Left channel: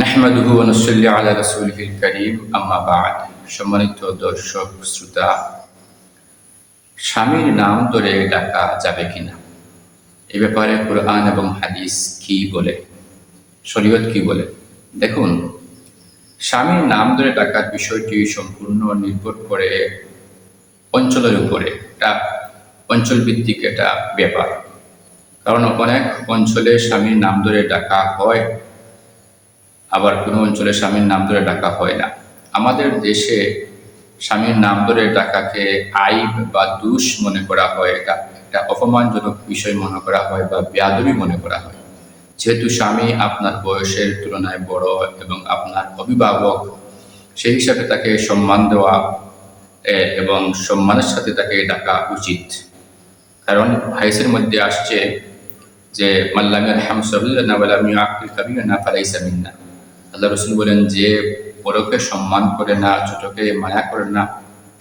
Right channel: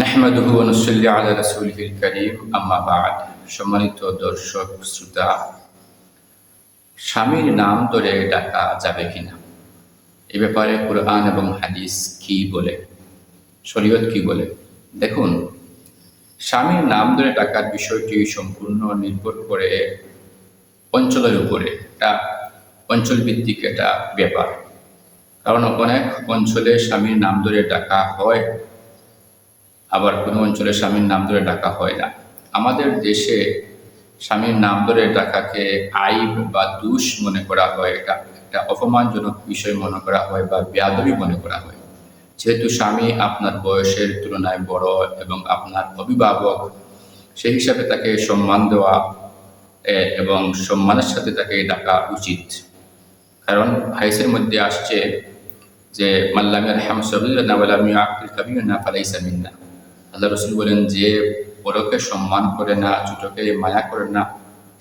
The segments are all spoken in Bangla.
নাহমাদুহু ওয়া নুসাল্লি আলা রাসূলিহিল কারীম, আম্মা বা'দ। সম্মানিত দর্শক শ্রোতা, স্বামীর নাম ধরে ডাকা যাবে কিনা, এ ব্যাপারে কুরআন এবং হাদিস কি বলে, শরীয়ত কি বলে? দেখুন, স্বামীর নাম ধরে ডাকার বিষয়টি সম্পূর্ণ নির্ভর করে অঞ্চলের উপরে। এটা অঞ্চলভিত্তিক একটা ব্যাপার। কারণ অনেক অঞ্চলে স্বামীর নাম ধরে ডাকা হয়, আবার কোনো অঞ্চলে স্বামীর নাম ধরে ডাকা হয় না। আমাদের দেশে স্বামীর নাম ধরে ডাকাকে আইব বা দোষ মনে করা হয়, এটা একটা অপমানজনক বিষয় মনে করা হয় বা বেয়াদবি মনে করা হয়। যেহেতু স্বামী আপনার বয়সের তুলনায় বড় এবং আপনার অভিভাবক, সেই হিসাবে তাকে সম্মান দেওয়া এবং সম্মানের সাথে তাকে ডাকা উচিত। কারণ হাদিসের মধ্যে আসছে যে মাল্লাম ইয়ারহাম সগীরানা ওয়া লাম ইউআক্কির কাবীরানা ফালাইসা মিন্না। আল্লাহ রাসূল বলেন, যে বড়কে সম্মান করে না, ছোটকে মায়া করে না,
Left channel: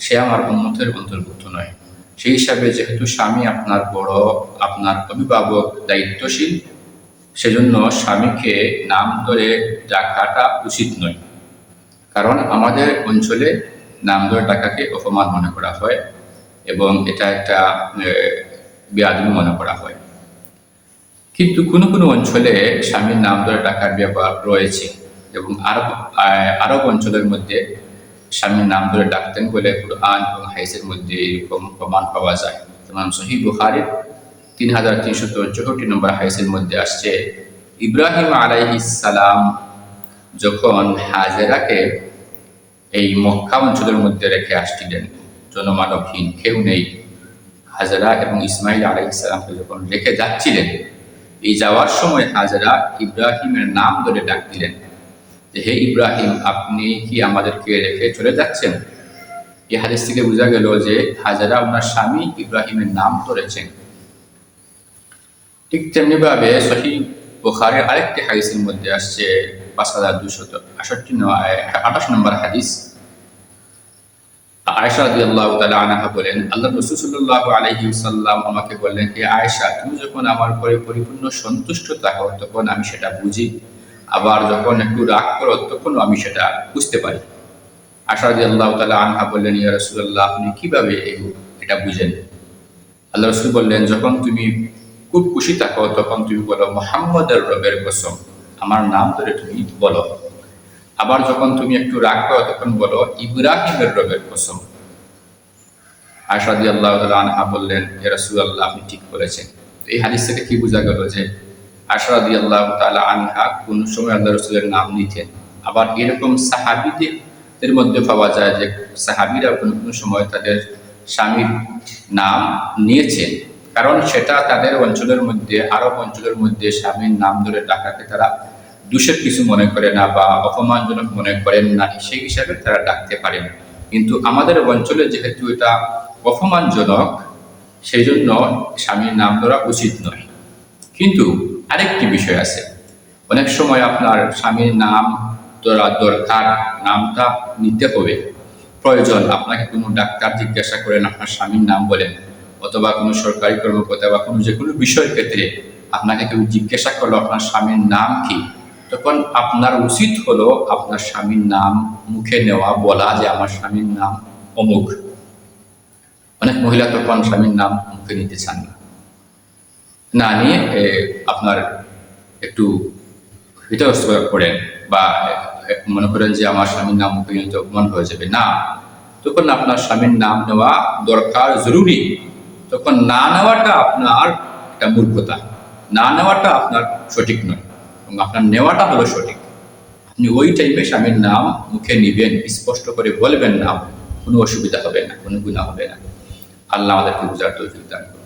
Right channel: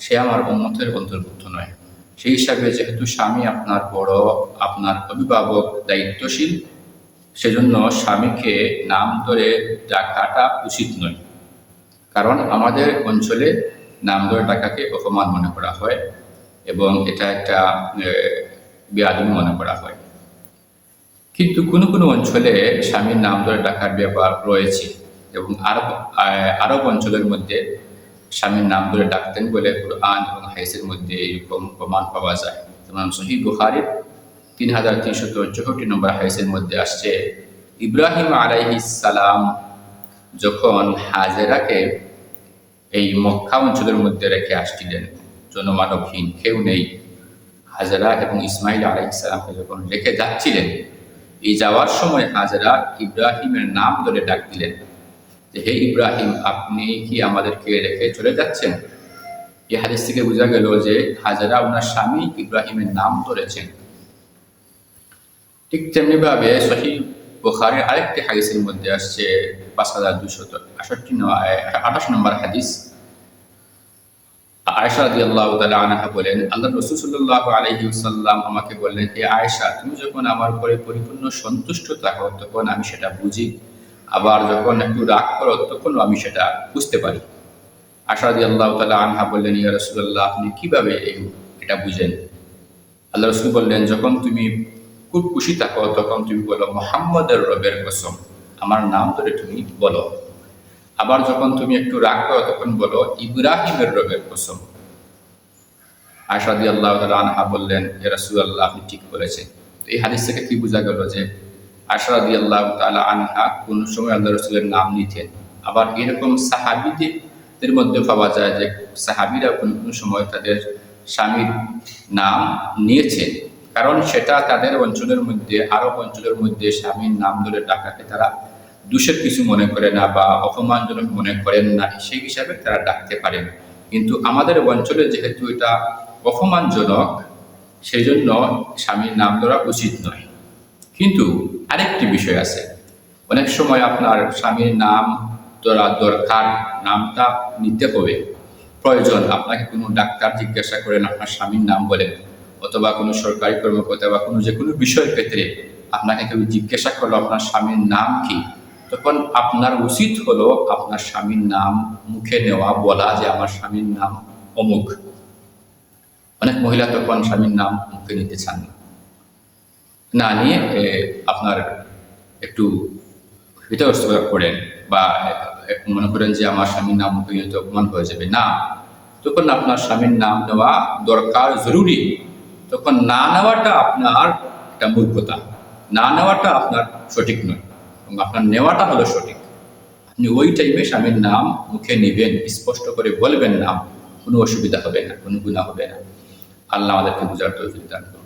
সে আমার উম্মতের অন্তর্ভুক্ত নয়। সেই হিসাবে যেহেতু স্বামী আপনার বড়, আপনার অভিভাবক, দায়িত্বশীল, সেজন্য স্বামীকে নাম ধরে ডাকাটা উচিত নয়। কারণ আমাদের অঞ্চলে নাম ধরে ডাকাকে অপমান মনে করা হয় এবং এটা একটা বেয়াদবি মনে করা হয়। কিন্তু কোনো কোনো অঞ্চলে স্বামীর নাম ধরে ডাকার ব্যাপার রয়েছে এবং আরব অঞ্চলের মধ্যে স্বামীর নাম ধরে ডাকতেন বলে কুরআন এবং হাদিসের মধ্যে এরকম প্রমাণ পাওয়া যায়। যেমন সহিহ বুখারীর 3364 নম্বর হাদিসের মধ্যে আসছে, ইব্রাহিম আলাইহিস সালাম যখন হাজেরাকে এই মক্কা অঞ্চলের মধ্যে রেখে আসছিলেন, জনমানবহীন, কেউ নেই, হাজেরা এবং ইসমাইল আলাইহিস সালামকে যখন রেখে যাচ্ছিলেন, এই যাওয়ার সময় হাজেরা ইব্রাহিমের নাম ধরে ডাক দিলেন যে, হে ইব্রাহিম, আপনি কি আমাদেরকে রেখে চলে যাচ্ছেন? এই হাদিস থেকে বোঝা গেল যে হাজেরা ওনার স্বামী ইব্রাহিমের নাম ধরেছেন। ঠিক তেমনিভাবে সহিহ বুখারীর আরেকটি হাদিসের মধ্যে আসছে 5228 নম্বর হাদিস। আয়েশা রাদিয়াল্লাহু তাআলা আনহা বলেন, আল্লাহর রাসূল সাল্লাল্লাহু আলাইহি ওয়াসাল্লাম আমাকে বললেন, হে আয়েশা, তুমি যখন আমার উপরে পরিপূর্ণ সন্তুষ্ট থাকো তখন আমি সেটা বুঝি, আবার যখন একটু রাগ করো তখনও আমি সেটা বুঝতে পারি। আয়েশা রাদিয়াল্লাহু তাআলা আনহা বললেন, ইয়া রাসূলুল্লাহ, আপনি কিভাবে এটা বুঝেন? আল্লাহর রাসূল বললেন, যখন তুমি খুব খুশি থাকো তখন তুমি বলো, মুহাম্মাদের রবের কসম, আমার নাম ধরে তুমি বলো। আবার যখন তুমি একটু রাগ করো তখন বলো, ইব্রাহিমের রবের কসম। আয়েশা রাদিয়াল্লাহু তাআলা আনহা বললেন, হে রাসূলুল্লাহ, আপনি ঠিক বলেছেন। এই হাদিস থেকে কি বোঝা গেল যে আয়েশা রাদিয়াল্লাহু তাআলা আনহা কোন সময় আল্লাহর রাসূলের নাম নিতেন। আবার এরকম সাহাবীদের মধ্যে পাওয়া যায় যে সাহাবীরা কোন কোন সময় তাদের স্বামীর নাম নিয়েছেন, কারণ সেটা তাদের অঞ্চলের মধ্যে, আরব অঞ্চলের মধ্যে স্বামীর নাম ধরে ডাকাকে তারা দোষের কিছু মনে করে না বা অপমানজনক মনে করেন না, সেই হিসাবে তারা ডাকতে পারেন। কিন্তু আমাদের অঞ্চলে যেহেতু এটা অপমানজনক, সেই জন্য স্বামীর নাম ধরা উচিত নয়। কিন্তু আরেকটি বিষয় আছে, অনেক সময় আপনার স্বামীর নাম ধরা দরকার, নামটা নিতে হবে, প্রয়োজন। আপনাকে কোনো ডাক্তার জিজ্ঞাসা করেন, আপনার স্বামীর নাম বলেন, অথবা কোনো সরকারি কর্মকর্তা বা কোনো যে কোনো বিষয়ের ক্ষেত্রে আপনাকে কেউ জিজ্ঞাসা করলো আপনার স্বামীর নাম কি, তখন আপনার উচিত হলো আপনার স্বামীর নাম মুখে নেওয়া, বলা যে আমার স্বামীর নাম অমুক। অনেক মহিলা তখন স্বামীর নাম মুখে নিতে চান না, নিয়ে আপনার একটু হৃদয়স্থ করেন বা মনে করেন যে আমার স্বামীর নাম মুখে নিতে অপমান হয়ে যাবে না, তখন আপনার স্বামীর নাম নেওয়া দরকার, জরুরি। তখন না নেওয়াটা আপনার একটা মূর্খতা, না নেওয়াটা আপনার সঠিক নয়, এবং আপনার নেওয়াটা হলো সঠিক। আপনি ওই টাইমে স্বামীর নাম মুখে নেবেন, স্পষ্ট করে বলবেন না, কোনো অসুবিধা হবে না, কোনো গুনাহ হবে না। আল্লাহ আমাদেরকে বুঝার তৌফিক দান করুন।